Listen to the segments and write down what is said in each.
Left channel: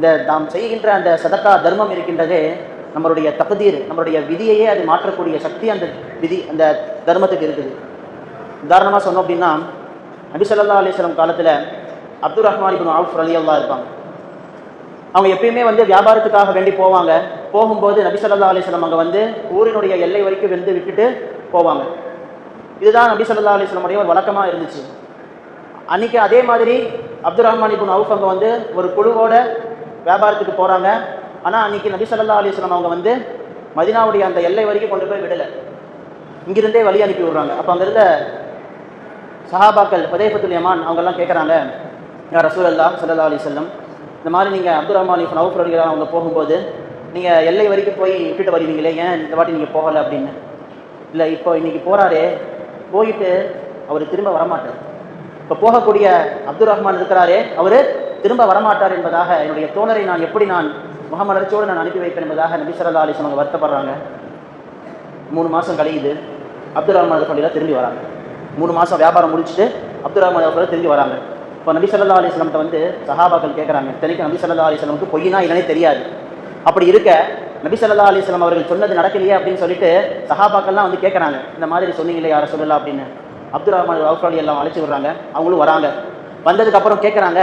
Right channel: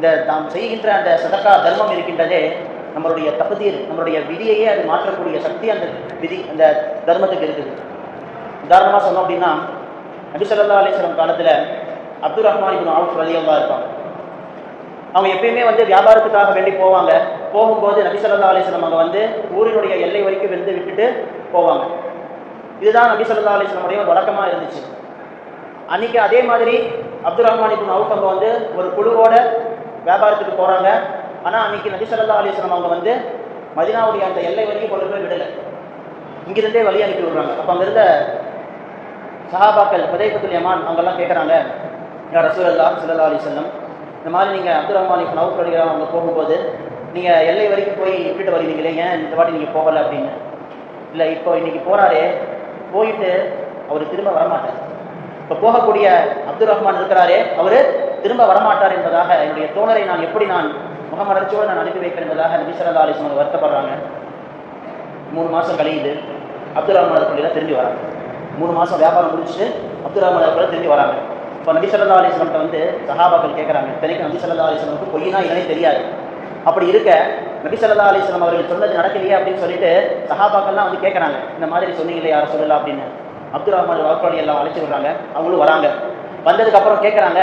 இந்த நாம் செய்கின்ற அந்த சதக்கா தர்மம் இருக்கின்றதே நம்மளுடைய தகுதீர், நம்மளுடைய விதியையே அது மாற்றக்கூடிய சக்தி அந்த விதி அந்த தர்மத்துக்கு இருக்குது. உதாரணமாக சொன்னோம் அப்படின்னா, நபி ஸல்லல்லாஹு அலைஹி வஸல்லம் காலத்தில் அப்துர் ரஹ்மான் இப்னு அவுஃப் ரலியல்லாஹு இருப்பாங்க. அவங்க எப்பயுமே வியாபாரத்துக்காக வேண்டி போவாங்க. போகும்போது நபி ஸல்லல்லாஹு அலைஹி வஸல்லம் அவங்க ஊரினுடைய எல்லை வரைக்கும் விட்டுட்டு போவாங்க. இதுதான் நபி ஸல்லல்லாஹு அலைஹி வஸல்லம் ஒரு வழக்கமாக இருந்துச்சு. அன்றைக்கி அதே மாதிரி அப்துர் ரஹ்மான் இப்னு அவுஃப் அவங்க ஒரு குழுவோட வியாபாரத்துக்கு போகிறாங்க. ஆனால் அன்றைக்கி நபி ஸல்லல்லாஹு அலைஹி வஸல்லம் அவங்க மதீனாவுடைய அந்த எல்லை வரைக்கும் கொண்டு போய் விடலை, இங்கிருந்தே வழி அனுப்பி விடுறாங்க. அப்போ அங்கே இருந்த சஹாபாக்கள் ஹுதைஃபத்துல் யமான் அவங்கெல்லாம் கேட்குறாங்க, யா ரசூலல்லாஹ் ஸல்லல்லாஹு அலைஹி வஸல்லம், இந்த மாதிரி நீங்கள் அப்துர் ரஹ்மான் இப்னு அவுஃப் ரலியல்லாஹு அவங்க போகும்போது நீங்கள் எல்லை வரைக்கும் போய் விட்டுட்டு வருவீங்களே, ஏன் இந்த வாட்டி நீங்கள் போகலை அப்படின்னு. இல்லை, இப்போ இன்றைக்கி போகிறாரே, போயிட்டு அவர் திரும்ப வரமாட்டார். இப்போ போகக்கூடிய அப்துர் ரஹ்மான் இருக்கிறாரே, அவர் திரும்ப வரமாட்டார் என்பதாக என்னுடைய தோழரை நான் எப்படி முகமலர்ச்சியோடு நான் அனுப்பி வைப்பேன் என்பதாக நபி ஸல்லல்லாஹு அலைஹி வஸல்லம் வருத்தப்படுறாங்க. 3 மாதம் கழியுது. அப்துர் ரஹ்மான் அவர்கள் திரும்பி வராங்க. 3 மாதம் வியாபாரம் முடிச்சுட்டு அப்துர் ரஹ்மான் அவர்கள் திரும்பி வராங்க. இப்போ நபி ஸல்லல்லாஹு அலைஹி வஸல்லம் சஹாபாக்கள் கேட்குறாங்க. இத்தனைக்கும் நபி ஸல்லல்லாஹு அலைஹி வஸல்லம் பொய்னா இல்லைனே தெரியாது. அப்படி இருக்க நபி ஸல்லல்லாஹு அலைஹி வஸல்லம் அவர்கள் சொன்னது நடக்கலையே அப்படின்னு சொல்லிட்டு சஹாபாக்கள்லாம் கேட்குறாங்க, இந்த மாதிரி சொன்னீங்களே யாரை சொல்லலாம் அப்படின்னு. அப்துர் ரஹ்மான் அவுஃப் ரலியல்லாஹு அழைச்சி விடுறாங்க. அவங்களும் வராங்க. வந்ததுக்கப்புறம் கேட்குறாங்க,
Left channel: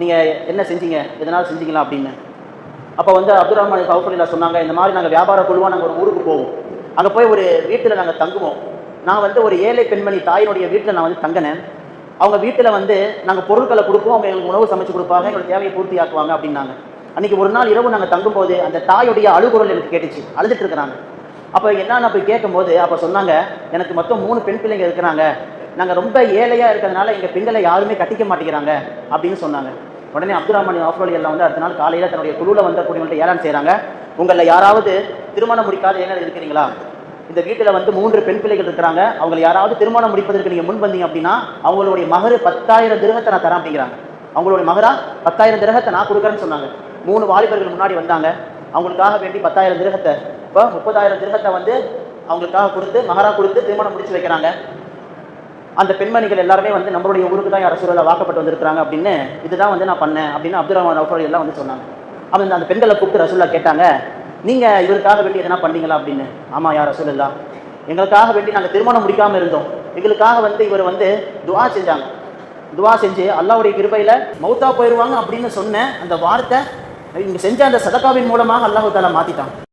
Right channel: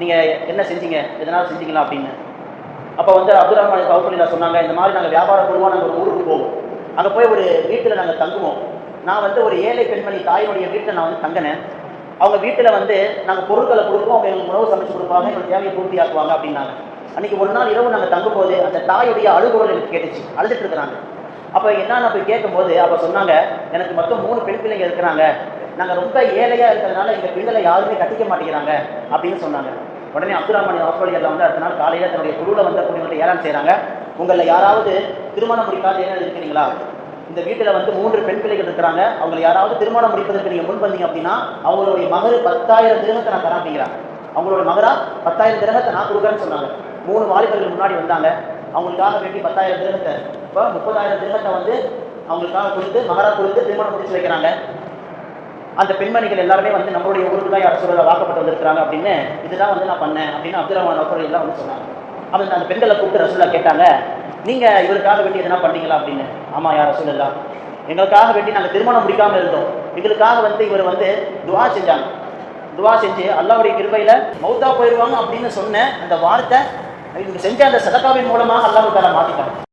நீங்கள் என்ன செஞ்சீங்க, எதனால் செஞ்சீங்களா அப்படின்னு. அப்போ அப்துர் ரஹ்மான் அவுஃப் ரலியல்லாஹு சொன்னாங்க, இந்த மாதிரி நாங்கள் வியாபார குழுவாக நாங்கள் ஒரு ஊருக்கு போவோம். அங்கே போய் ஒரு வீட்டில் நாங்கள் தங்குவோம். நான் ஒரு ஏழை பெண்மணி தாயினுடைய வீட்டில் நான் தங்கினேன். அவங்க வீட்டில் நாங்கள் பொருட்களை கொடுப்போம், அவங்க எங்களுக்கு உணவு சமைச்சு கொடுப்பாங்க, எங்களுக்கு தேவையை பூர்த்தியாக்குவாங்க அப்படின்னாங்க. அன்றைக்கி ஒரு நாள் இரவு நாங்கள் தங்கும்போது அந்த தாயுடைய அழுகுரல் எனக்கு கேட்டுச்சு, அழுதுட்டு இருக்கிறாங்க. அப்போ என்னன்னு போய் கேட்கும்போது அப்போ சொன்னாங்க, எனக்கு மொத்தம் 3 பெண் பிள்ளைங்க இருக்கிறாங்க, நாங்கள் ரொம்ப ஏழையாக இருக்கிறதுனால எங்கள் பெண்களை யாருமே கட்டிக்க மாட்டேங்கிறாங்க அப்படின்னு சொன்னாங்க. உடனே அப்துர் ரஹ்மான் அவுஃப் ரலியல்லாஹு அடுத்த நாள் காலையில் தன்னுடைய குழுவில் அப்படின்ட்டு ஏறான் செய்கிறாங்க, உங்களில் யாராவது திருமணம் முடிக்காத ஏழை இருக்கிறீங்களா, இந்த வீட்டில் 3 பெண் பிள்ளைகள் இருக்கிறாங்க, அவங்க யாராவது திருமணம் முடிப்பதற்கு நீங்கள் முன் வந்தீங்க அப்படின்னா அவங்களுடைய மகர் 10,000 திரகத்தை நான் தரேன் அப்படிங்கிறாங்க. அவங்களுடைய மகரா 10,000 திரகத்தை நான் கொடுக்குறேன்னு சொன்னாங்க. 3 வாலிபர்கள் முன்னாடி வந்தாங்க. அவங்களுக்காக வேண்டி 10,000 திரகத்தை, இப்போ 30,000 திரகத்தை அவங்களுக்காக கொடுத்து மகரா கொடுத்து திருமணம் முடிச்சு வைக்கிறாங்க. அந்த பெண்மணிகள் எல்லாருமே நம்மளுடைய ஊருக்கு தான் யார் சூழலில் வாக்கப்பட்டு வந்திருக்கிறாங்க அப்படின்னு, இதுதான் நான் பண்ணேன் அப்படின்னு அப்துர் ரஹ்மான் அவுஃப் ரலியல்லாஹு சொன்னாங்க. அவங்க அந்த பெண்களை கூப்பிட்டு ரசூலுல்லாஹ் கேட்டாங்க, நீங்கள் இவருக்காக வேண்டி எதனா பண்ணீங்களா அப்படின்னு. ஆமாம் யார் ரசூலுல்லாஹ், எங்களுக்காக வேண்டி நாங்கள் திருமணம் முடிக்காமல் இருந்தோம், எங்களுக்காக இவர் துஆ செஞ்சாங்க. துஆ செஞ்சு அல்லாஹ்வுடைய கிருபையில் மௌத்தா போயிடுவாங்க அப்படின்னு சொன்ன அந்த வார்த்தை இவங்க செஞ்ச அந்த சதகாவின் மூலமாக அல்லாஹ் தஆலா மாற்றிட்டாங்க.